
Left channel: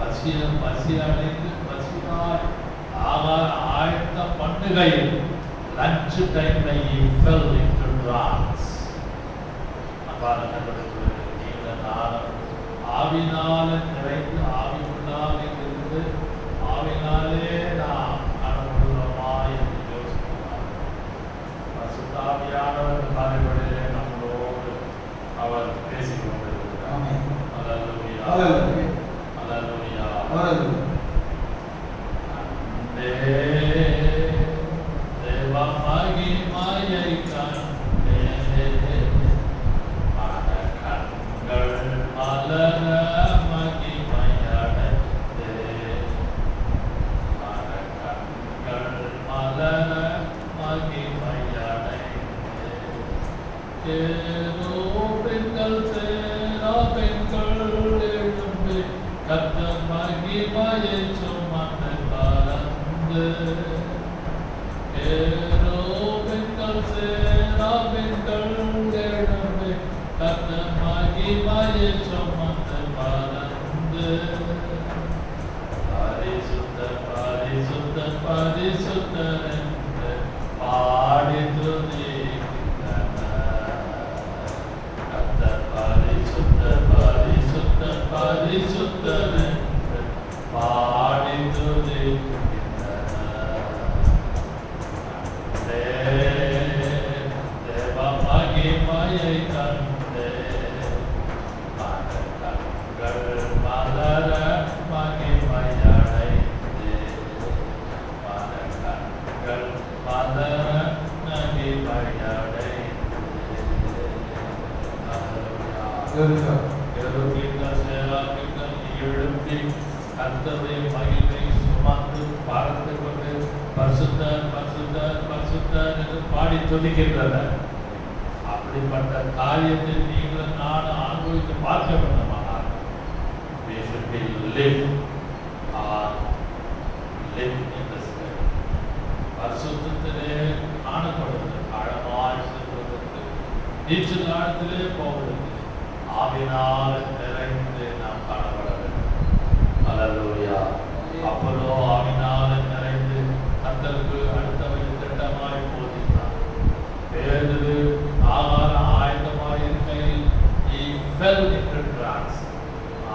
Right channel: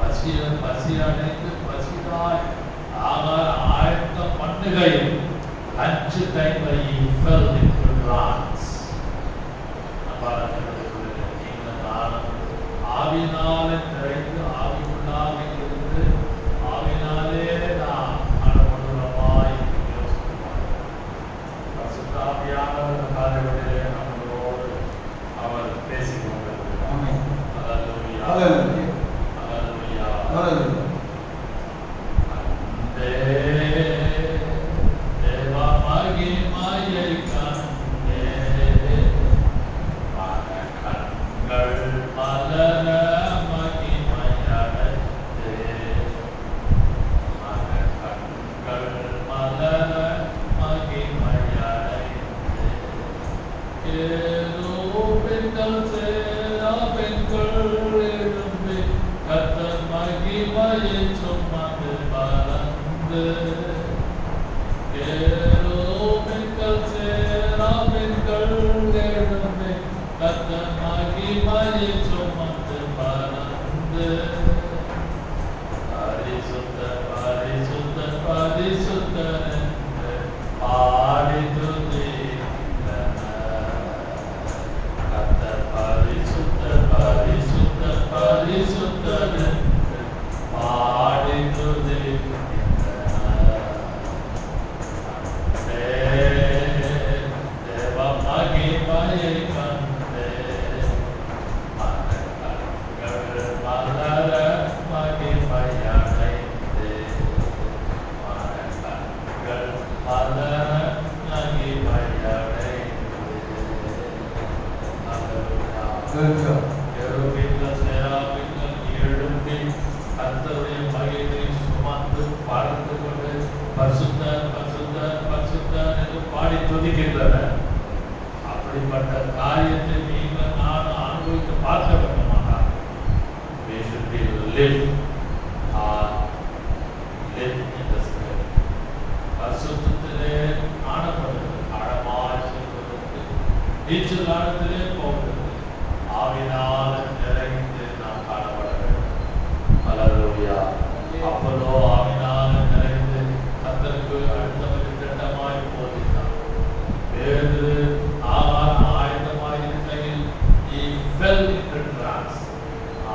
பசி அடைந்து பசியாய் ஆயத்த பண்ணுகையில் லஞ்ச் டைம்ல fell into trance. நீங்கள் நானும் ஆவினாலே நிறைந்து ஆவிக்குள்ளாக இருந்து ஆவினாலே நாம் அனுபவமா என்று யோசிக்குவார். சுத்தாவியானவர் காலைகளிலே நம்மளோடு அவர் பேசிக் கொண்டிருக்கிறார். அல்லேலூயா. கேருபீன்கள், சேராபீன்கள் எழும்பி கர்த்தருடைய மகிமையை சுமந்து பறந்து கொண்டு பரிசுத்தர் பரிசுத்தர் பரிசுத்தர் என்று பாடி துதிக்கின்றனர். அப்படிப்பட்ட காரியத்தை நீங்கள் நான் அனுபவித்து பார்க்க வேண்டுமானால் we should be live in the spirit. பரிசுத்தத்திலே காணப்படுவது, ஆழமாய் செல்வதற்கு, நீச்சல் ஆழத்திலே போவதற்கு ஆவினால் நிறைந்து நாம் காணப்பட வேண்டும். அல்லேலூயா. அப்போலோ ஆவினால் நிறைந்து கர்த்தருக்கு அடுத்தவர்கள் திட்டமாய் போகிறார். பேதுரு ஆயத்தமாய் இருக்கையில் he fell into trance.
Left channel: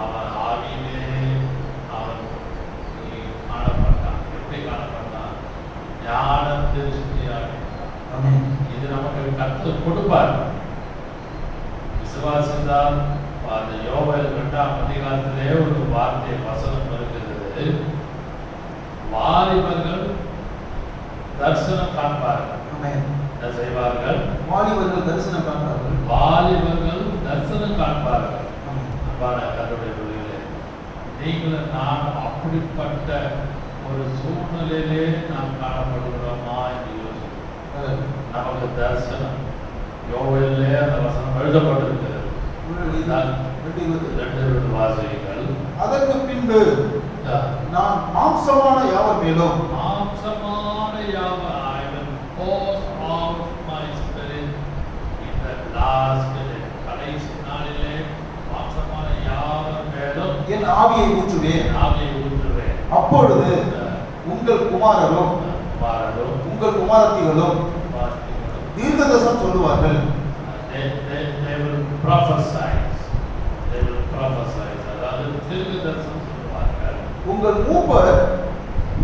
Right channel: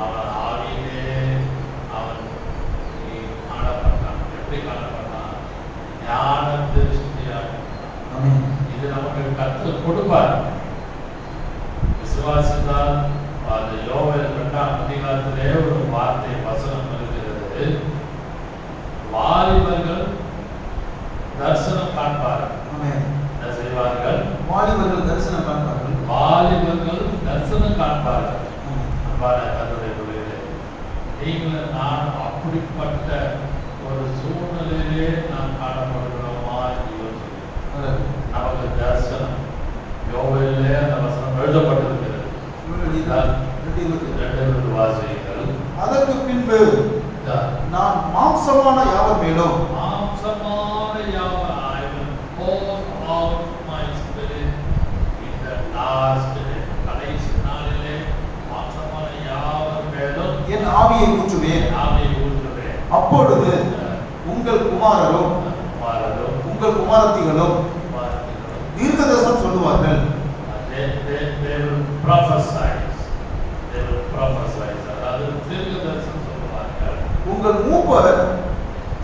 அவன் ஆவியிலே அவன் காணப்பட்டான். எப்படி காணப்பட்டான்? ஞான திருஷ்டியாக. இது நமக்கு கர்த்தர் கொடுப்பார். விசுவாசித்தால் அந்த யோவேல் 2ஆம் அதிகாரத்திலே ஒரு வார்த்தை வசனம் இருக்கிறது. வாலிபர்கள் தரிசனம் காண்பார்கள். என்ன செய்வார்கள்? வாலிபர்கள் தரிசனம் காண்பார்கள். வாலிபர்கள் தரிசனம் காண்பார்கள். கர்த்தருடைய பிள்ளைகளே, நீங்கள் நான் அப்படிப்பட்ட ஒரு சூழ்நிலையிலே நாம் காணப்படுகிறோமா என்று யோசிக்கிறோம். நமக்கு தரிசனம் யோவேலிலே அந்த வசனம் எழுதப்பட்டிருக்கிறது. வாசிகள் அதற்கு பின்பு நான் மாம்சமான யாவர் மேலும் கடைசி நாளிலே மாம்சமான யாவர் மேலும் என் ஆவியை ஊற்றுவேன். அப்பொழுது உங்கள் குமாரரும் உங்கள் குமாரத்திகளும் தீர்க்கதரிசனம் சொல்லுவார்கள். அதாவது தீர்க்கதரிசனம் சொல்லுவார்கள். உங்கள் மூப்பர்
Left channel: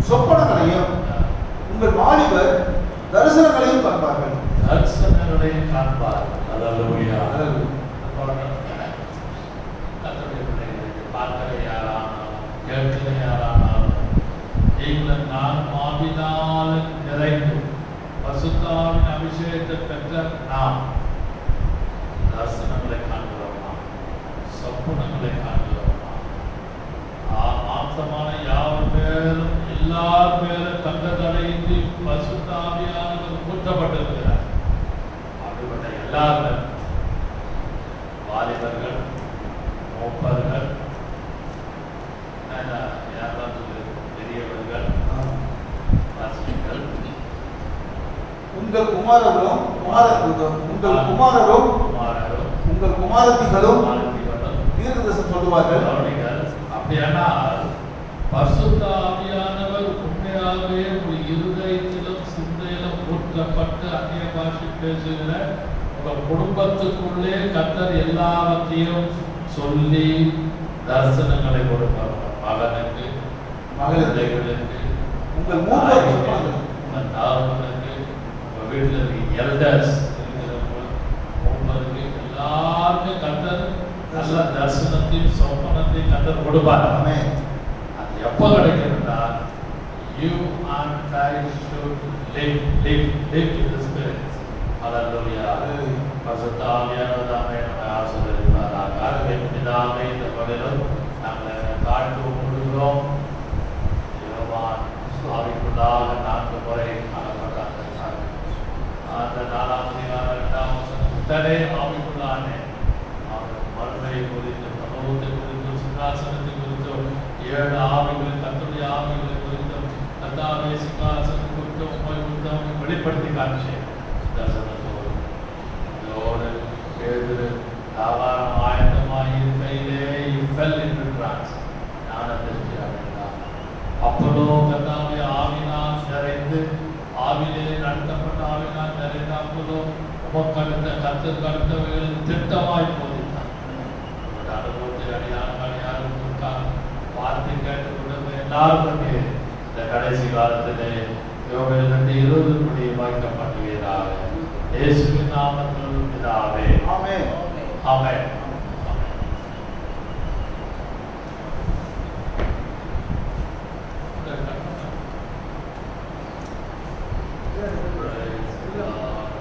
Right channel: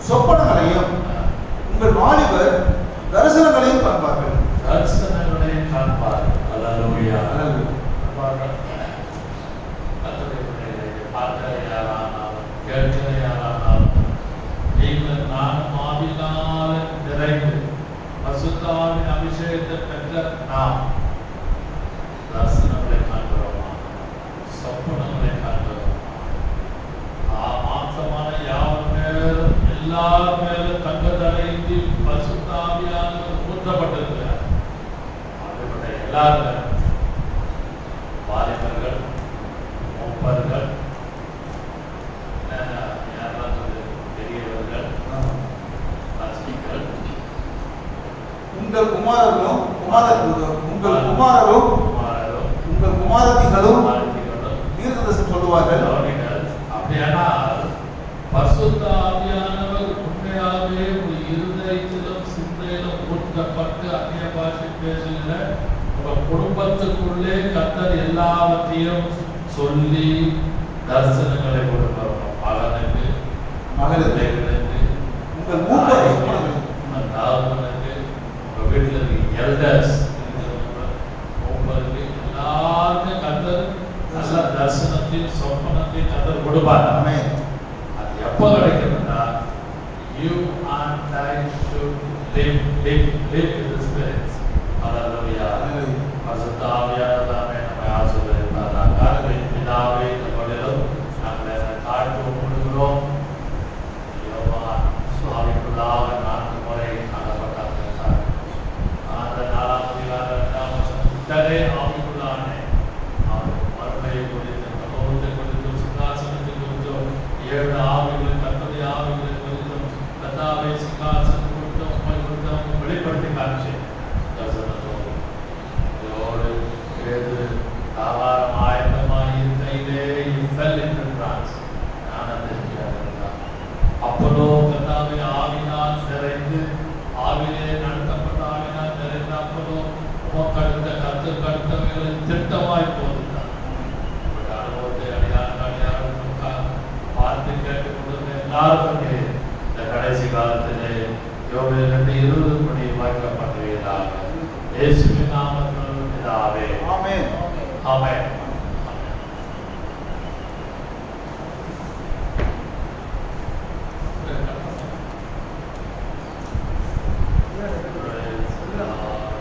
சொப்பனங்களையும் உங்கள் வாலிபர் தரிசனங்களையும் காண்பார்கள். தரிசனங்களையும் காண்பார்கள். அல்லேலூயா. கேட்கிறையாரானால் நீங்கள் நான் ஆவியினால் நிறைந்து பரிசுத்தாவின் அபிஷேகத்தை பெற்ற நாம் தரிசனங்களை காண்கிறோம், சொப்பனங்களை காண்கிறோம். மாம்சமான யாவர் மேலும் எல்லார் மேலும் கண்டதடையின்றி பரிசுத்தாவியானவர் ஊற்றப்பட்டிருக்கிறார். அப்படிப்பட்ட எல்லாரும் வாலிபர்கள், மூப்பர்கள், பெரியவர்கள், உங்கள் குமாரரும் உங்கள் குமாரத்திகளும் தீர்க்கதரிசனம் சொல்லுவார்கள். அப்படியானால் பரிசுத்த ஆவியானவர் உண்மையாகவே ஒரு இருதயத்திலும் சிந்தையிலும் ஊற்றப்பட்டு அந்நிய பாஷை பேசுகிற உங்க குடும்பத்துக்குள்ளே கர்த்தர் எல்லாவற்றையும் சொல்லி தரிசனங்களை கொடுப்பார். மகனுக்கு, மகளுக்கு, உங்கள் மூப்பர் தாழ்வனுக்கு, உங்க வீட்டில் இருக்க எல்டர்ஸ் உங்களுக்கு எல்லாருக்கும் கர்த்தர் நல்ல தரிசனத்தையும் சொப்பனத்தையும் கர்த்தர் கொடுப்பார். அது எப்போ கிடைக்குதுன்னா you and I should live in the spirit. Hallelujah. பரிசுத்த ஆவியானவராலே நம்மை ஆசீர்வதிப்பாராக. பிதாவே, நம்மிடம் நாங்கள் தாழ்த்து கொள்கிறோம். யோவான் ஆவிக்குள்ளாக 4 முறை காணப்பட்டார். அந்த 4ஆம் அதிகாரம் 2ஆம் வசனத்திலே ஆவிக்குள்ளானே அவர் மறுமையை குறித்து, மனோத்தை குறித்து, சிங்காசனத்தை குறித்து 7 ஆவிகள், கர்த்தருடைய ஆவிகள் குறித்து, கர்த்தாவே சிங்காசனம் குறித்து, உண்மை குறித்து அவங்க வெளிப்படுத்தி காமிச்சேன். இதோடு பேதுரு தாராளம் ஆயத்தமாக இருக்கையிலே fell into trance. அப்போலோ கர்த்தாவே ஆவியினால் நிறைந்து, ஆவியிலே நடத்தப்பட்ட ஆவியினால் நிறைந்த அப்போலோ உமக்கடுத்த கர்த்தருக்கு அடுத்தவைகளில் திட்டமாய் போதித்தார். அனுபவத்தை அடியாருக்கா வார்த்தை கேட்டுக் கொண்டு எல்லாருக்கும் இந்த கடைசி காலத்திலே யோவேல் 2:20 படி வாய்க்கப்பட்டுகிறார். இயேசுவின் நாமத்தில் பிதாவே. ஆமென். ஆமென்.